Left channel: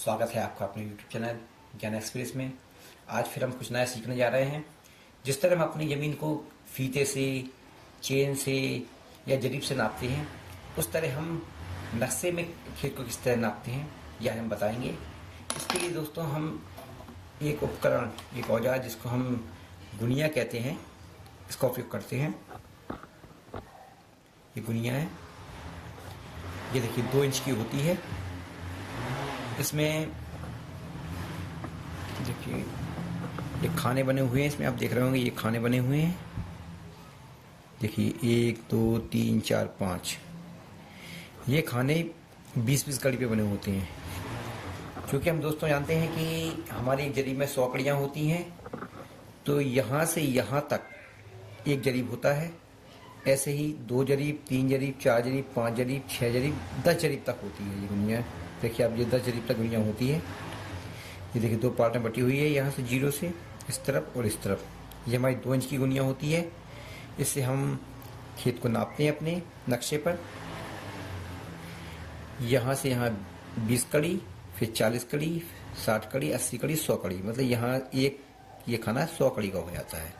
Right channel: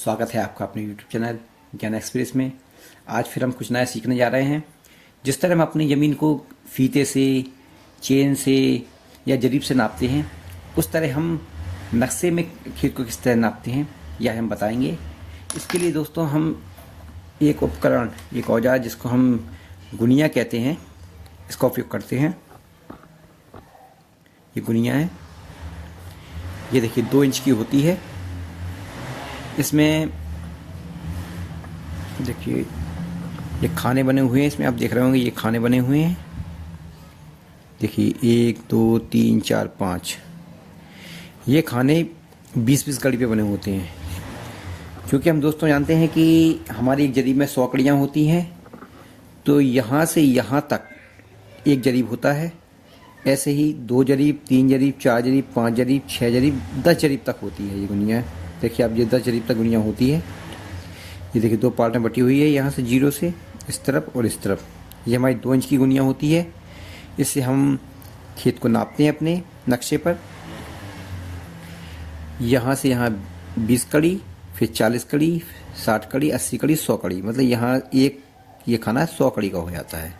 स्वागत है आपका अपने YouTube चैनल ज्ञान एक्सप्रेस में। आज फिर हम कुछ नया सीखने जा रहे हैं। जिस तरह हम अपनी ज़मीन को फीते से, चेन से या जरीब से नापते हैं, उस तरह हम नक्शे में खेत को किस तरह नापते हैं यह हम बताएंगे। इसके लिए दोस्तों हम एक उपकरण, एक औजार जिसको हम गुनिया कहते हैं, इसका उपयोग करते हैं। ये गुनिया है, ये देखिए 2 इंच की होती है। इसमें देखिए ये खाने बने हुए हैं, इसमें आप देख रहे होंगे ये खाने बने हुए हैं। देखिए 1 2 3 4 5 ये खाने 20-20 कड़ी पे बने होते हैं। क्योंकि हम दोस्तों जानते हैं कि हमारी एक जरीब में 100 कड़ियाँ होती हैं, तो यहाँ से यहाँ तक एक जरीब होता है। ऐसे ही 2 जरीब, 3 जरीब, 4 जरीब, 5 जरीब, 6 जरीब, 10 जरीब तक होती है ये गुनिया। देखिए आप, ये 10 जरीब तक गुनिया होती है। ये देखिए 2 पार्ट में बटी हुई है, यहाँ से 0 से इस तरफ और इस तरफ। ये हमारी 2 इंच की गुनिया होती है। इससे हम खेत को नापते हैं अपने नक्शे पर। यहाँ से यहाँ 20 कड़ी, फिर 40 कड़ी, 60 कड़ी, 80 कड़ी, 100 कड़ी, मतलब यहाँ एक ये खाना 100 कड़ी का हो जाता है।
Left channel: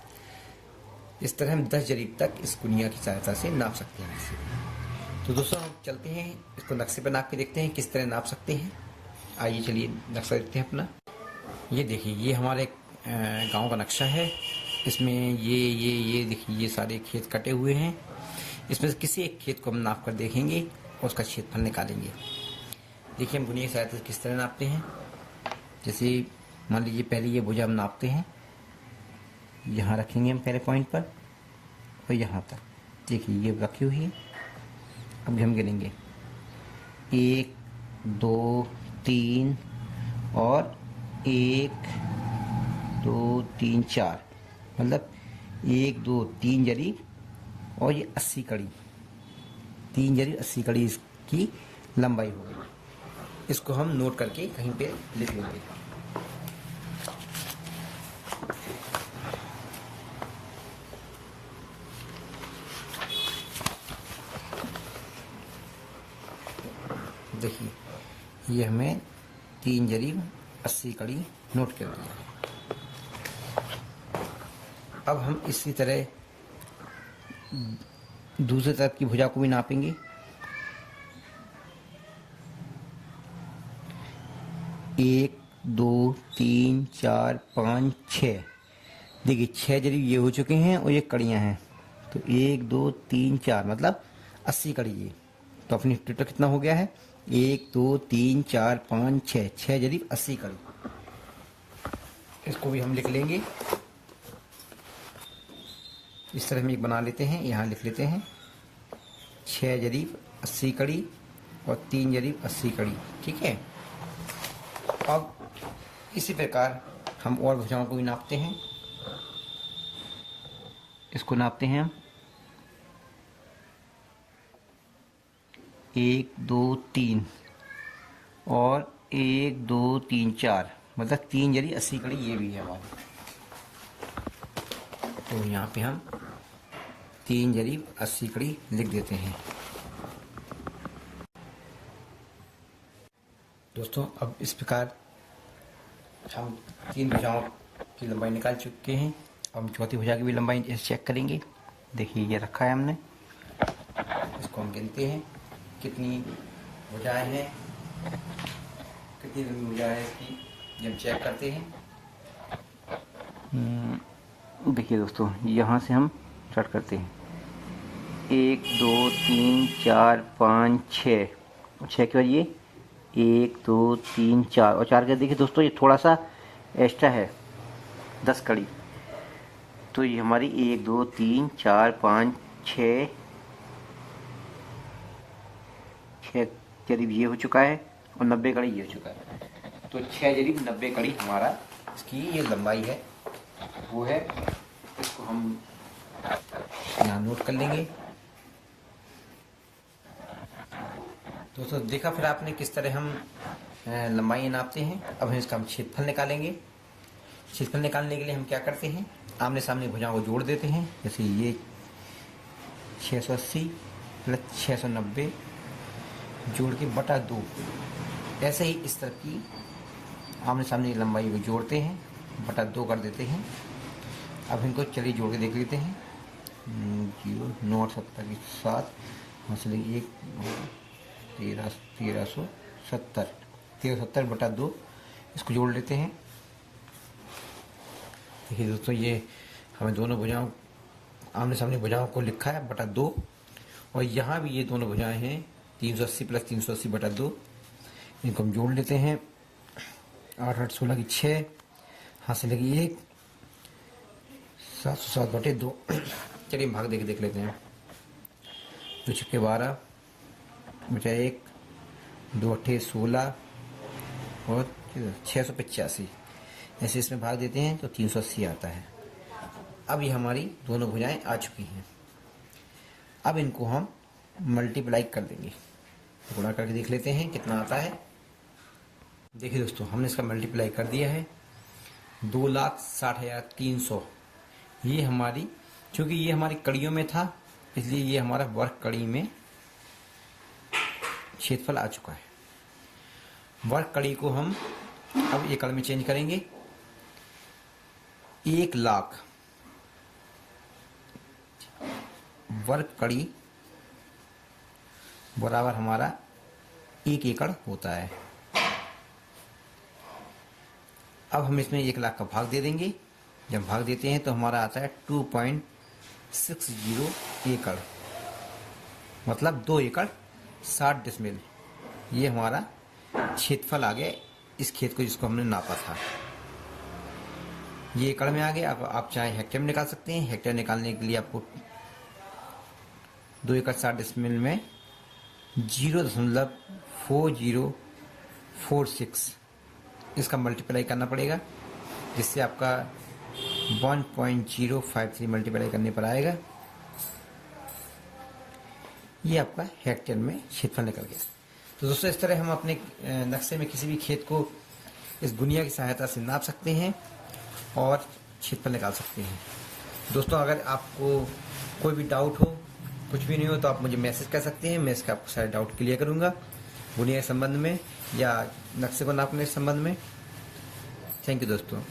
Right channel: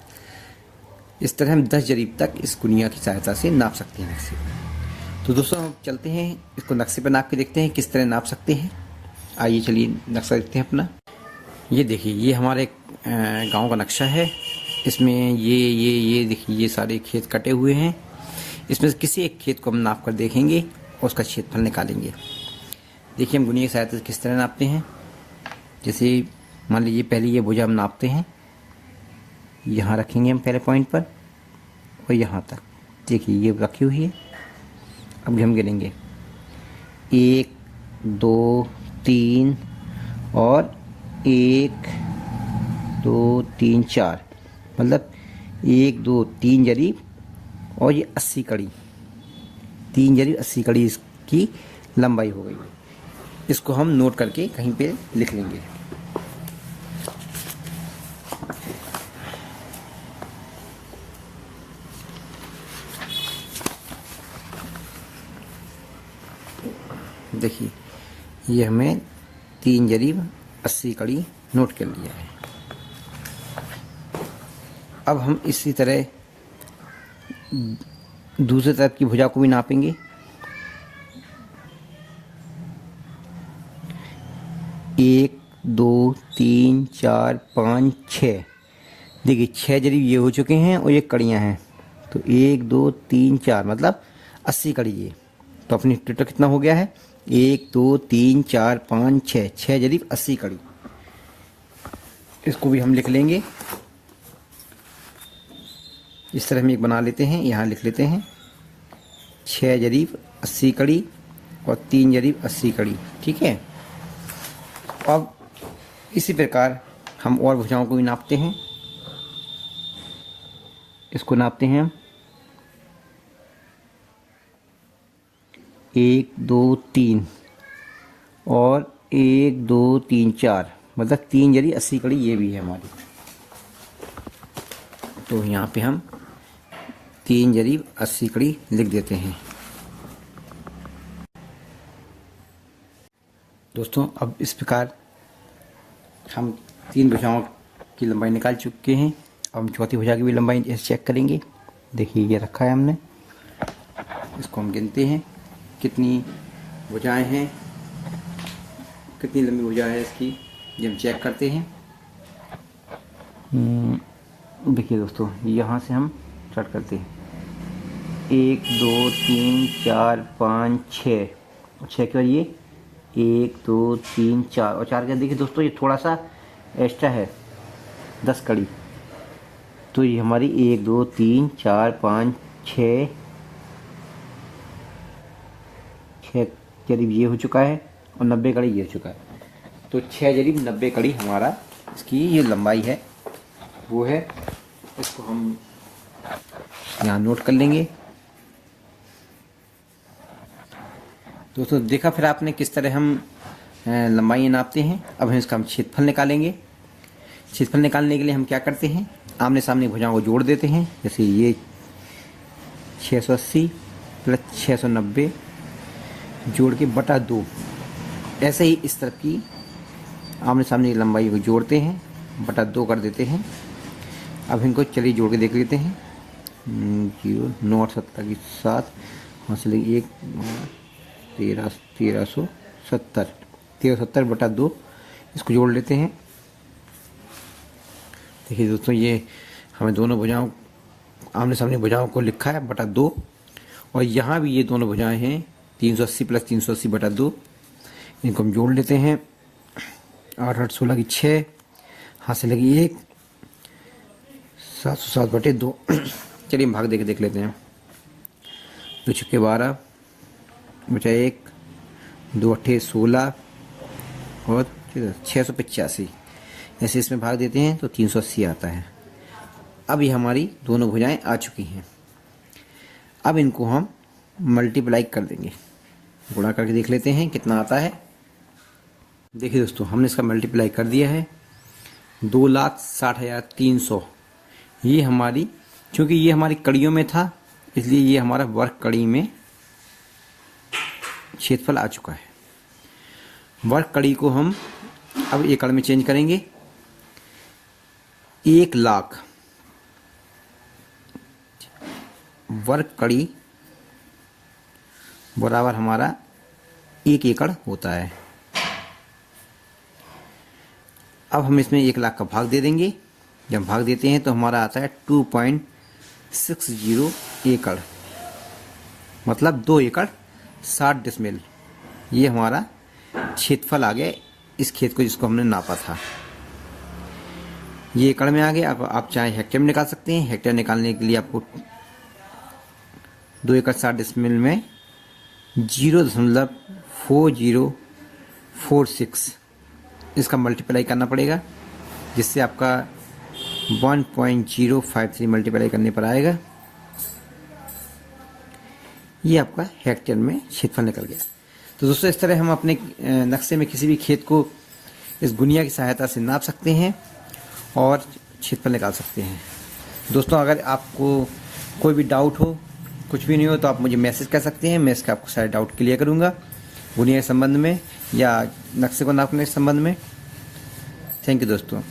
इस तरह हम 10 जरीब तक इस गुनिया की सहायता से नाप सकते हैं नक्शे। तो दोस्तों हम चलते हैं, इसको नक्शे पर नाप के देखते हैं किस तरह नाप सकते हैं। आइए चलिए नक्शा देखते हैं अपना। ये देखिए ये हमारे गांव का नक्शा है। इसमें ये देखिए ये सारे खेत कटे हुए हैं। इसमें से किसी एक खेत को हम नाप कर देखेंगे और उसका क्षेत्रफल निकालेंगे। देखिए हम गुनिया की सहायता से किस तरह नापते हैं। जैसे मान लीजिए पहले ये भुजा हम नापते हैं, यहाँ रखेंगे हम पहले पॉइंट पर और यहाँ तक। देखिए ये रखी हुई है। अब हम गिनेंगे 1 2 3 और 1 2 3 4, मतलब 1 2 3 जरीब और ये 80 कड़ी, 3 जरीब 80 कड़ी इसकी लंबाई हो गई। इसको हम नोट करके कहीं पे लिख लेंगे। देखिए ये हमें 3 जरीब 80 कड़ी नोट कर लिया है। अब हम इसी तरह दूसरी तरफ की भुजा को भी नापेंगे। 1 2 3 4 5 6, देखिए 6 जरीब ये हो चुके हैं और ये कड़ियाँ हैं। तो 1 2 3 4 मतलब 80 कड़ी ये। तो अपनी टोटल कितना हो गया है? 1 2 3 4 5 6, 6 जरीब 80 कड़ी। इसको भी हम लिख लेंगे। इस तरह हम एक बना लेते हैं, यहाँ लिख लेते हैं 6 जरीब 80 कड़ी और 3 जरीब 80 कड़ी। ठीक है। अब इसी प्रकार हम और भुजाओं को भी नापते हैं। इसको नापते हैं हम 1 2 3 और 1 2 3 4, मतलब 3 जरी 80 कड़ी ये भी है हमारी। तो यहाँ पे हम 3 जरीब 80 कड़ी लिख देते हैं। दोस्तों अब इस प्रकार हम 3 भुजाओं की लंबाई निकाल चुके हैं। अब हम चौथी भुजा की भी लंबाई चेक करेंगे। देखिए ये रखा है हमने, इसको हम गिनते हैं कितनी भुजाएं हैं, कितनी लंबी भुजा है इसकी, ये हम चेक करते हैं। देखिए दोस्तों यहाँ से हम स्टार्ट करते हैं। 1 2 3 4 5 6 और 6 के बाद ये 1 2 3 4 और 4 के देखिए दोस्तों ये थोड़ा सा एक्स्ट्रा है 10 कड़ी। तो ये हमारी 1 2 3 4 5 6 जरीब ये हो चुका है और 90 कड़ी ये हो चुका है। तो 6 जरीब 90 कड़ी हमारा इसकी ये लंबाई है, वो है। इसको हम यहाँ नोट कर लेंगे। दोस्तों देखा फिर आपने किस तरह हम लंबाई नापते हैं। अब हम इसका क्षेत्रफल निकालेंगे। क्षेत्रफल निकालने के लिए हम क्या करते हैं, आमने सामने भुजाओं को जोड़ देते हैं। जैसे ये 680 प्लस 690 जोड़ के बटा 2, ऐसे ही इस तरफ की आमने सामने की लंबाई को जोड़ते हैं, बटा 2 कर देते हैं। अब इनको चलिए जोड़ के देख लेते हैं। 0 9 8 70 की 7 वहाँ से लगी 1 1370 बटा 2, इसको जोड़ लेते हैं। देखिए दोस्तों, ये हमें दोनों भुजाओं आमने सामने भुजाओं को लिखा है बटा 2, और यहाँ भी ये दोनों भुजाएं हैं 380 प्लस 380 बटा 2। इनको हम जोड़ लेते हैं। 8 8 16 की 6, हाथ से लगी 1 707 बटे 2। चलिए हम भाग दे के देख लेते हैं। 2 छक्के 12 बचा 1 2 अट्ठे 16 और 685। जैसे इसमें भाग देते हैं तो 380 आता है। अब ये हमारी दोनों भुजाएं आ चुकी हैं। अब इनको हम मल्टीप्लाई कर देंगे, गुणा करके देख लेते हैं कितना आता है। देखिए दोस्तों, हमने इसका मल्टीप्लाई कर दिया है। 2,60,300 ये हमारी, क्योंकि ये हमारी कड़ियों में था इसलिए ये हमारा वर्ग कड़ी में क्षेत्रफल आ चुका है। वर्ग कड़ी को हम अब एकड़ में चेंज करेंगे। 1,00,000 वर्ग कड़ी बराबर हमारा 1 एकड़ होता है। अब हम इसमें 1,00,000 का भाग दे देंगे। जब भाग देते हैं तो हमारा आता है 2.60 एकड़, मतलब 2 एकड़ 60 डिसमिल। ये हमारा क्षेत्रफल आ गया इस खेत को जिसको हमने नापा था। ये एकड़ में आ गया। अब आप चाहे हेक्टेयर में निकाल सकते हैं। हेक्टेयर निकालने के लिए आपको 2 एकड़ 60 डिसमिल में 0.4046 इसका मल्टीप्लाई करना पड़ेगा, जिससे आपका 1.053 मल्टीप्लाई करने पर आएगा। ये आपका हेक्टेयर में क्षेत्रफल निकल गया। तो दोस्तों, इस तरह हम अपने नक्शे में किसी भी खेत को इस गुनिया की सहायता से नाप सकते हैं और क्षेत्रफल निकाल सकते हैं। दोस्तों, अगर आपको कोई भी डाउट हो, कुछ भी नहीं हो, तो आप मुझे मैसेज कर सकते हैं। मैं इसका आपको सारे डाउट क्लियर करूँगा, गुनिया के संबंध में या नक्शे को नापने के संबंध में। थैंक यू दोस्तों।